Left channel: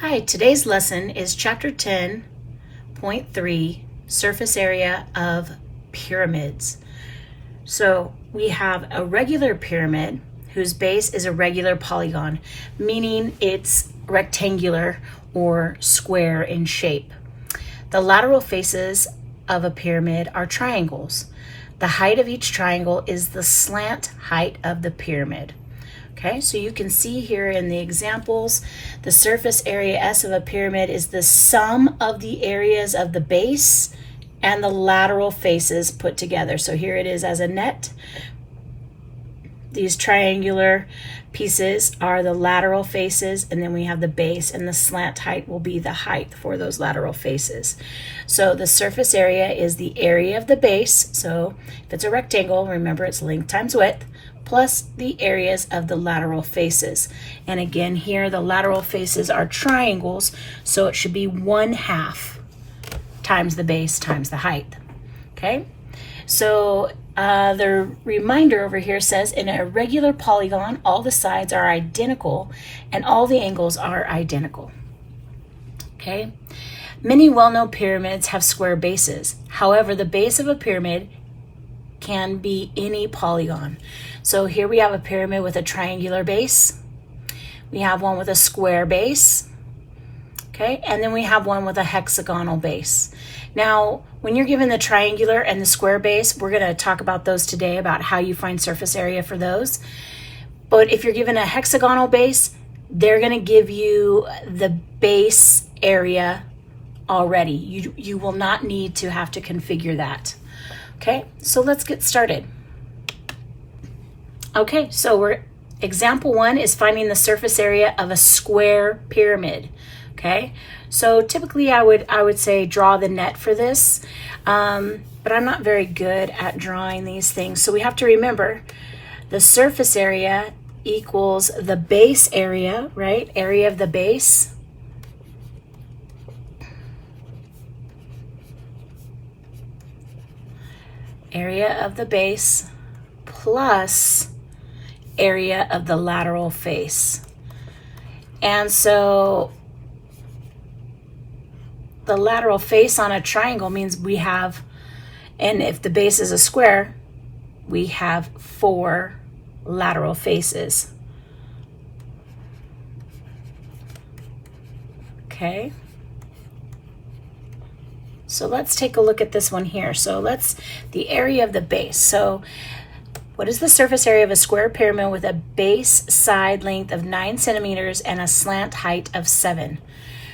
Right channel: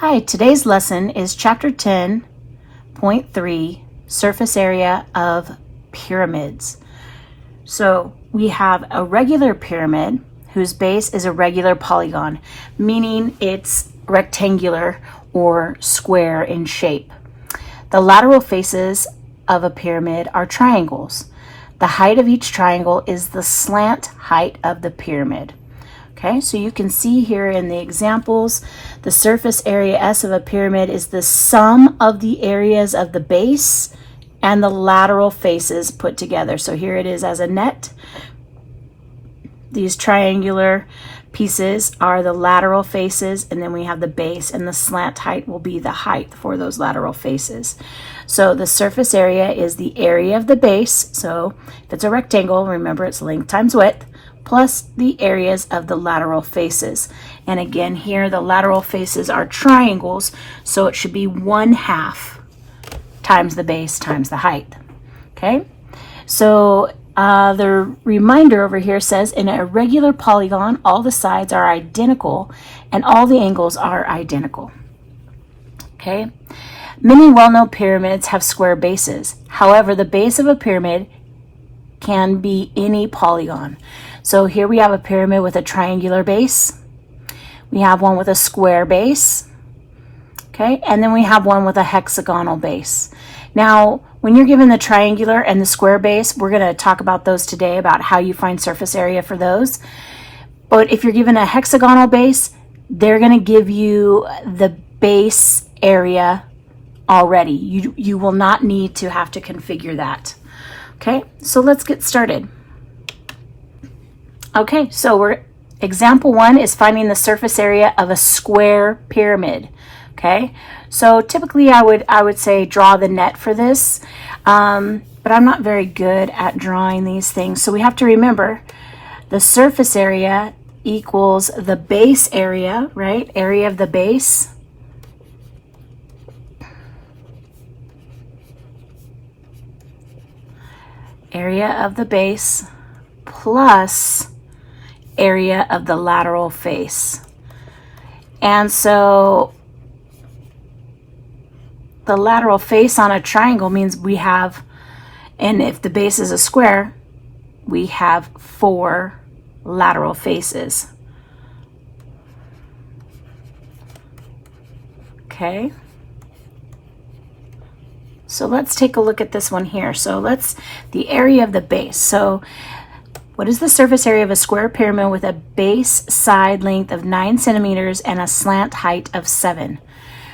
Hi, today's lesson is chapter 10.3, surface area of pyramids. So we have a regular pyramid whose base is a regular polygon, meaning it's rectangular or square in shape. The lateral faces of a pyramid are triangles. The height of each triangle is the slant height of the pyramid. Okay, so you can see here in the examples, the surface area S of a pyramid is the sum of the areas of the base and the lateral faces put together. So here it is as a net. These triangular pieces are the lateral faces, and then we have the base, and the slant height will be the height for those lateral faces. So the surface area is the area of the base. So if it's a rectangle, remember it's length times width, plus the areas of the lateral faces. And again, here the lateral faces are triangles, so it should be 1/2 times the base times the height. Okay, so the reminder over here says in a regular polygon, all the sides are identical and all the angles are identical. Okay, many well-known pyramids have square bases. However, the base of a pyramid can be any polygon. So here we have a pyramid with a triangular base. We have one with a square base. Okay, and then we have one with a hexagonal base. Now, when you're given the triangular and the square base, we're going to talk about those today, about how you find surface area for those. But if you're given a hexagonal base, they're going to give you the base area already. You will not need to have to configure that. Okay, so let's get started. Okay, so example 1 is finding the surface area of a square pyramid. Okay, so typically I would say draw the net for this, but I'm not very good at drawing these things. So we have to remember the surface area equals the base area, right? Area of the base. Area of the base plus area of the lateral face. And so the lateral face on a triangle means we have, and if the base is a square, we have 4 lateral faces. Okay. So let's take a look at this one here. So the area of the base. So what is the surface area of a square pyramid with a base side length of 9 centimeters and a slant height of 7?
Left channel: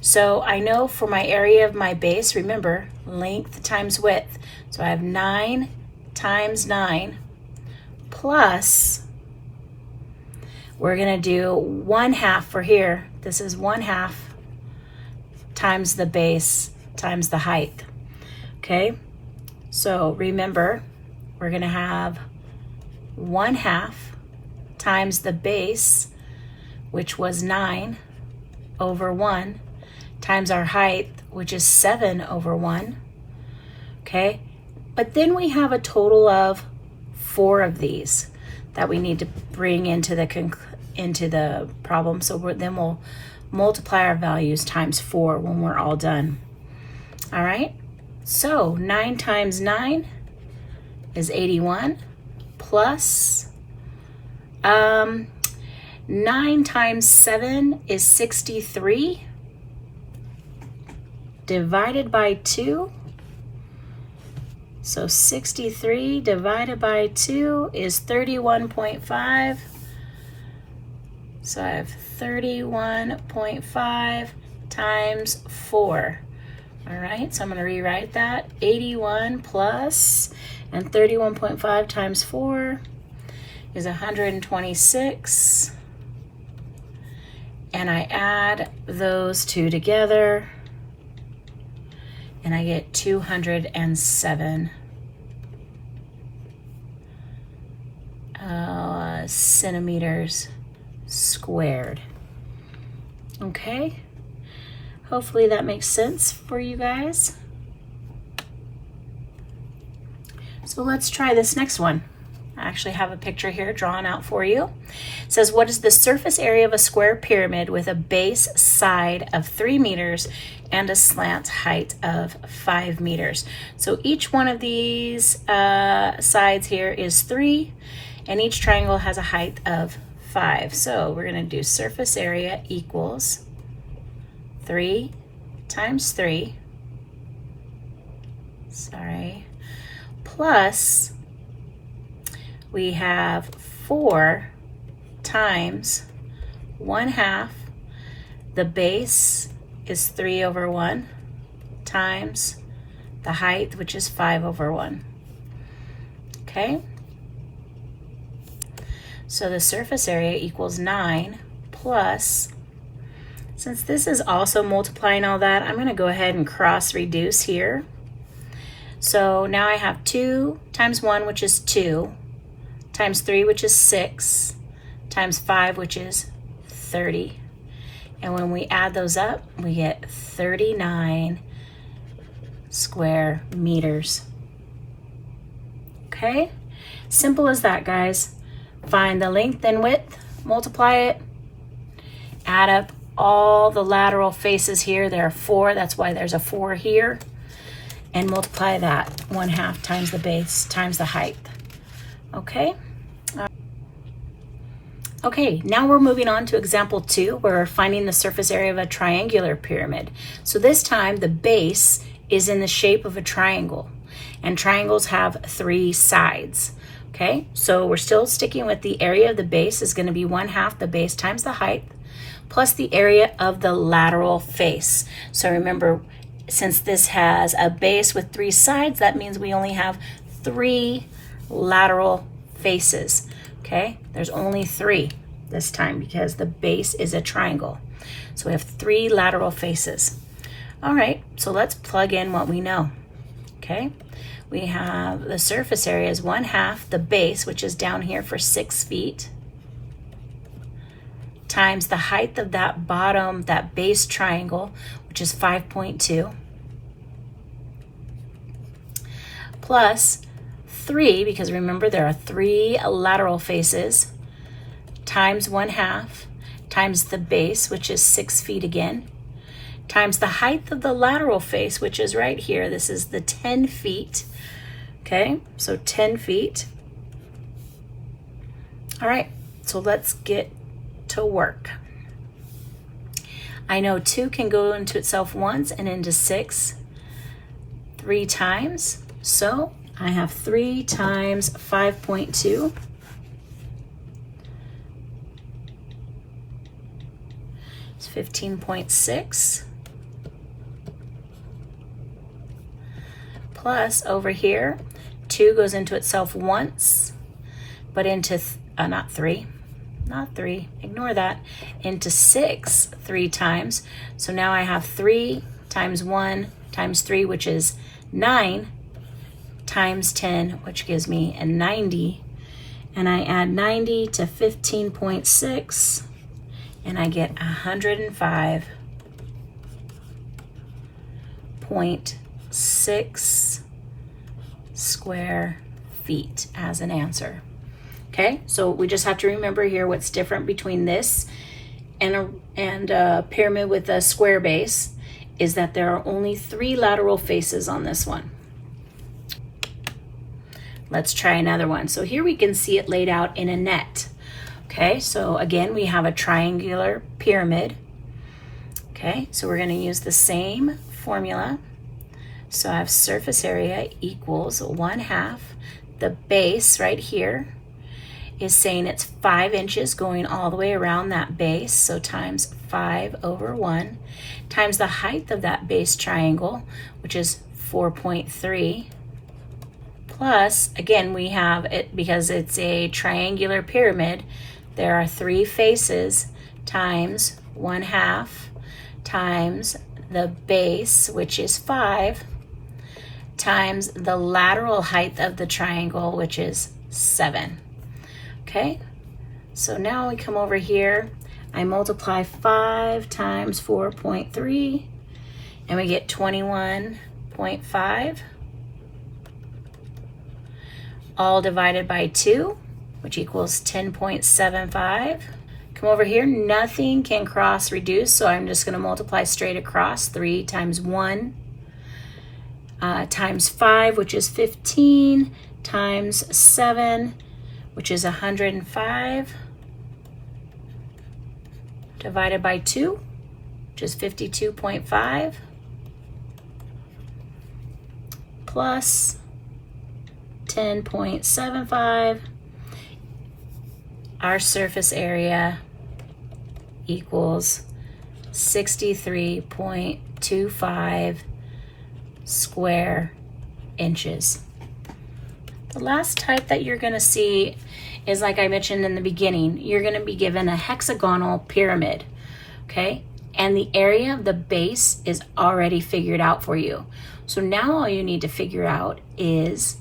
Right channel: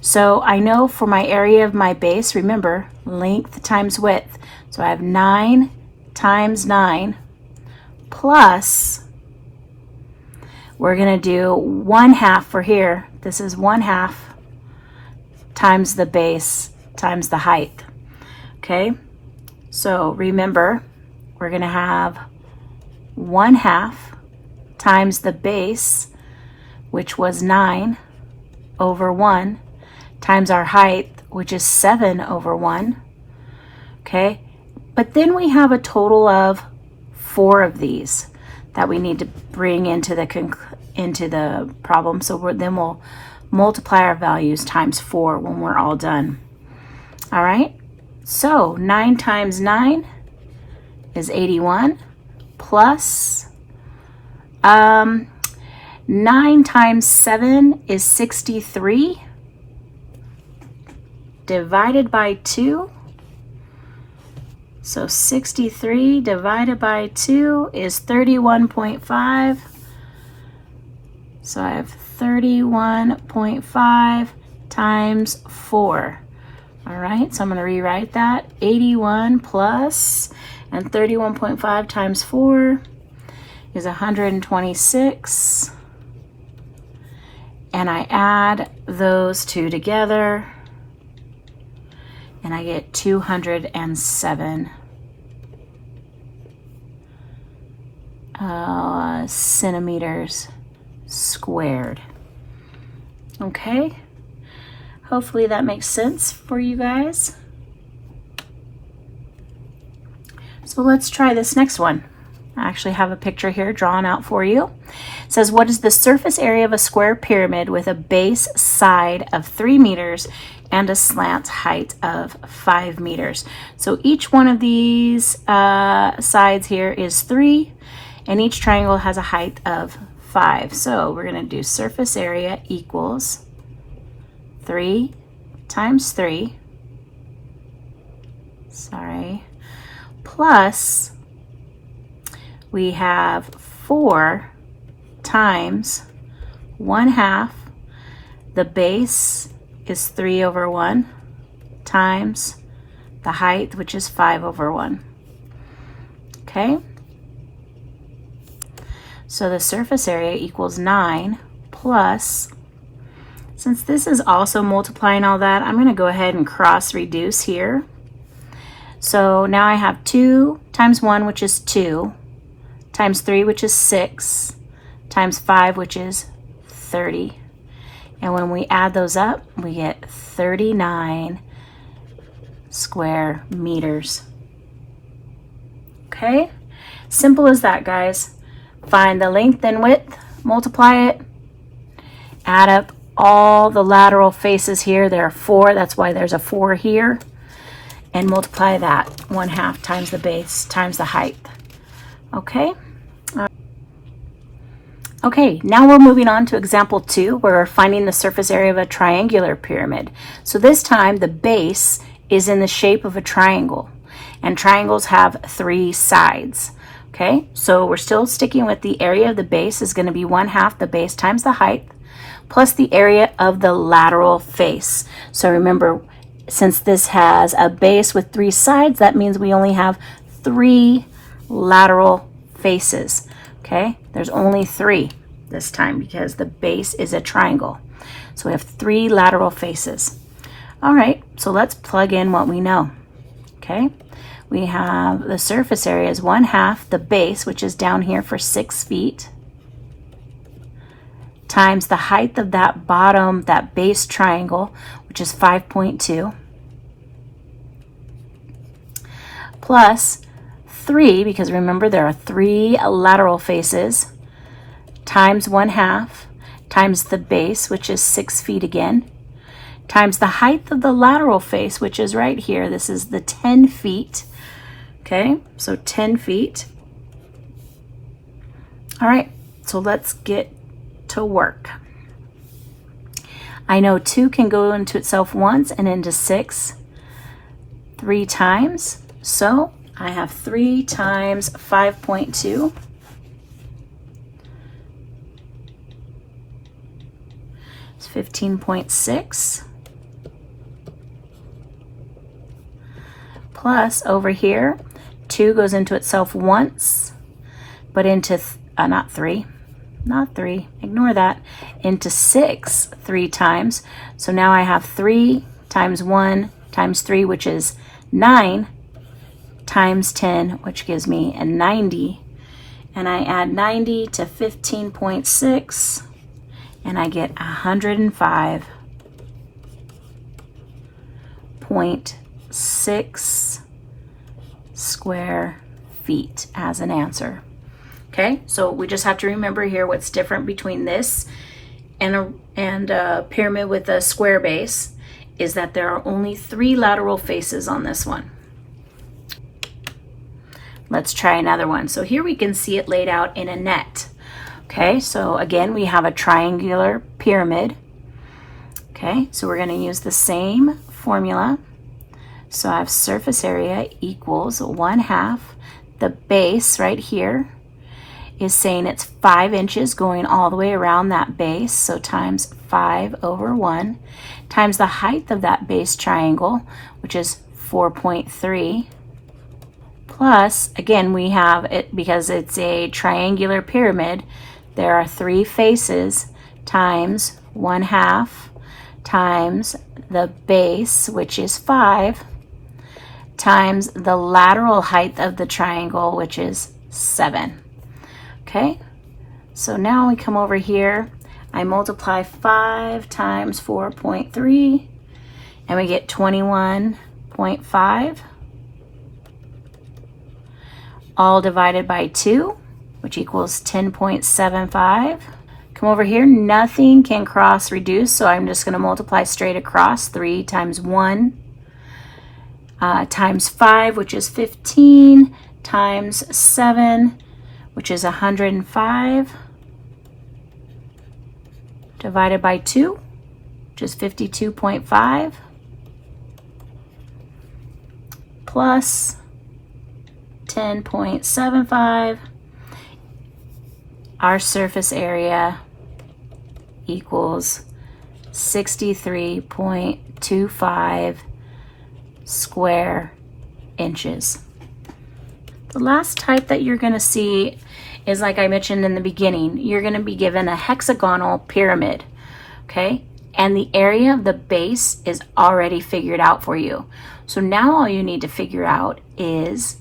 So I know for my area of my base, remember, length times width. So I have 9 times 9 plus, we're going to do 1/2 for here. This is 1/2 times the base times the height. Okay, so remember, we're going to have 1/2 times the base, which was 9 over 1, times our height, which is 7 over 1. Okay, but then we have a total of 4 of these that we need to bring into the problem. So then we'll multiply our values times 4 when we're all done. All right, so 9 times 9 is 81 plus 9 times 7 is 63 divided by 2. So 63 divided by 2 is 31.5. So I have 31.5 times 4. All right, so I'm going to rewrite that. 81 plus, and 31.5 times 4 is 126. And I add those two together, and I get 207 centimeters squared. Okay. Hopefully that makes sense for you guys. So let's try this next one. I actually have a picture here drawn out for you. It says, what is the surface area of a square pyramid with a base side of 3 meters and a slant height of 5 meters? So each one of these sides here is 3, and each triangle has a height of 5. So we're going to do surface area equals 3 times 3, plus we have 4 times 1/2. The base is 3 over 1 times the height, which is 5 over 1. Okay? So the surface area equals 9 plus, since this is also multiplying all that, I'm going to go ahead and cross reduce here. So now I have 2 times 1, which is 2, times 3, which is 6, times 5, which is 30. And when we add those up, we get 39 square meters. Okay? Simple as that, guys. Find the length and width, multiply it, add up all the lateral faces here. There are 4, that's why there's a 4 here, and multiply that 1/2 times the base times the height. Okay? Okay, now we're moving on to example 2, where we're finding the surface area of a triangular pyramid. So this time the base is in the shape of a triangle, and triangles have 3 sides. Okay, so we're still sticking with the area of the base is going to be 1/2 the base times the height, plus the area of the lateral face. So remember, since this has a base with 3 sides, that means we only have 3 lateral faces. Okay, there's only 3 this time because the base is a triangle. So we have 3 lateral faces. All right, so let's plug in what we know. Okay, we have the surface area is 1/2 the base, which is down here for 6 feet, times the height of that bottom, that base triangle, which is 5.2, plus 3, because remember there are 3 lateral faces, times 1/2, times the base, which is 6 feet again, times the height of the lateral face, which is right here. This is the 10 feet. Okay, so 10 feet. All right, so let's get to work. I know 2 can go into itself once and into 6 3 times. So I have 3 times 5.2. It's 15.6. Plus over here, 2 goes into itself once, but into, not 3, ignore that, into 6 3 times. So now I have 3 times 1 times 3, which is 9, times 10, which gives me a 90. And I add 90 to 15.6, and I get 105.6 square feet as an answer. Okay, so we just have to remember here what's different between this and a pyramid with a square base is that there are only 3 lateral faces on this one. Let's try another one. So here we can see it laid out in a net. Okay, so again, we have a triangular pyramid. Okay, so we're going to use the same formula. So I have surface area equals 1/2. The base right here is saying it's 5 inches going all the way around that base. So times 5 over 1 times the height of that base triangle, which is 4.3. Plus, again, we have it because it's a triangular pyramid. There are 3 faces times 1/2 times the base, which is 5, times the lateral height of the triangle, which is 7. Okay, so now we come over here. I multiply 5 times 4.3, and we get 21.5. all divided by 2, which equals 10.75. Come over here, nothing can cross reduce, so I'm just going to multiply straight across. 3 times 1 times 5, which is 15, times 7, which is 105, divided by 2, which is 52.5, plus 10.75. Our surface area equals 63.25 square inches. The last type that you're going to see is, like I mentioned in the beginning, you're going to be given a hexagonal pyramid, okay? And the area of the base is already figured out for you. So now all you need to figure out is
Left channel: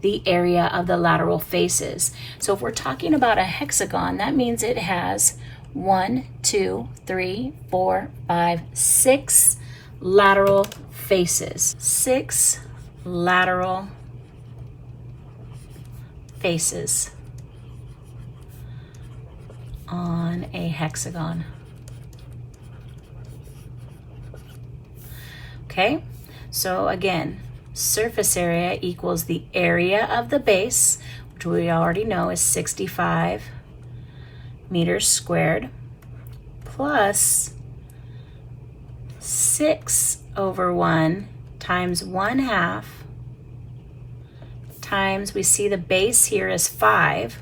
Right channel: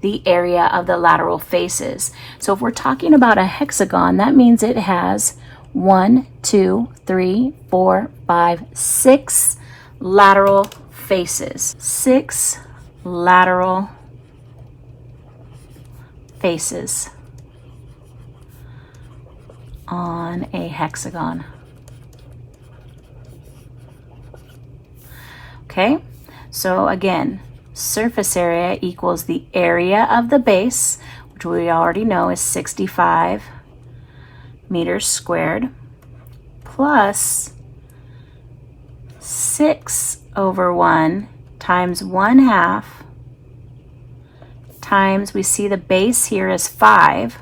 the area of the lateral faces. So if we're talking about a hexagon, that means it has 1, 2, 3, 4, 5, 6 lateral faces. 6 lateral faces on a hexagon. Okay, so again, surface area equals the area of the base, which we already know is 65 meters squared, plus 6 over 1 times 1/2 times, we see the base here is 5,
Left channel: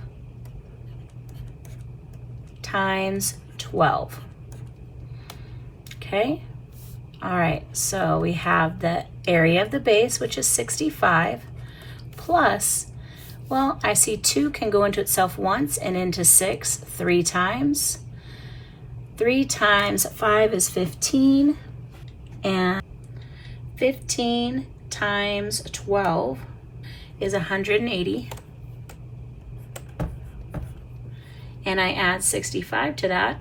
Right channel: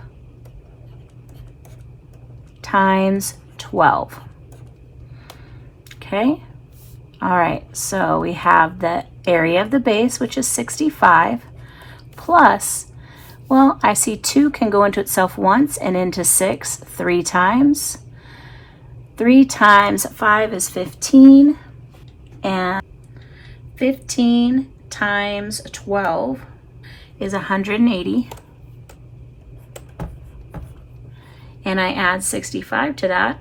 times 12. Okay, all right, so we have the area of the base, which is 65, plus, well, I see 2 can go into itself once and into 6 3 times. 3 times 5 is 15, and 15 times 12 is 180. And I add 65 to that,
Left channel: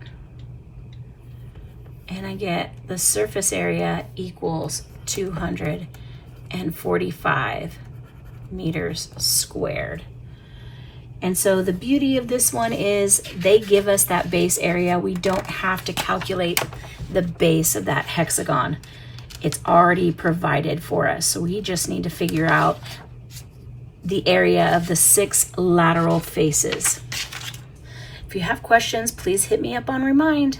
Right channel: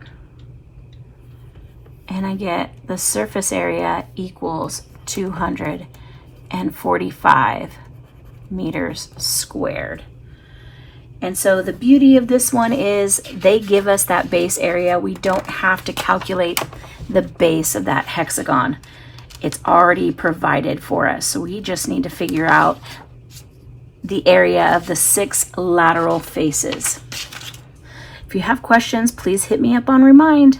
and I get the surface area equals 245 meters squared. And so the beauty of this one is they give us that base area. We don't have to calculate the base of that hexagon. It's already provided for us. So we just need to figure out the area of the 6 lateral faces. If you have questions, please hit me up on Remind.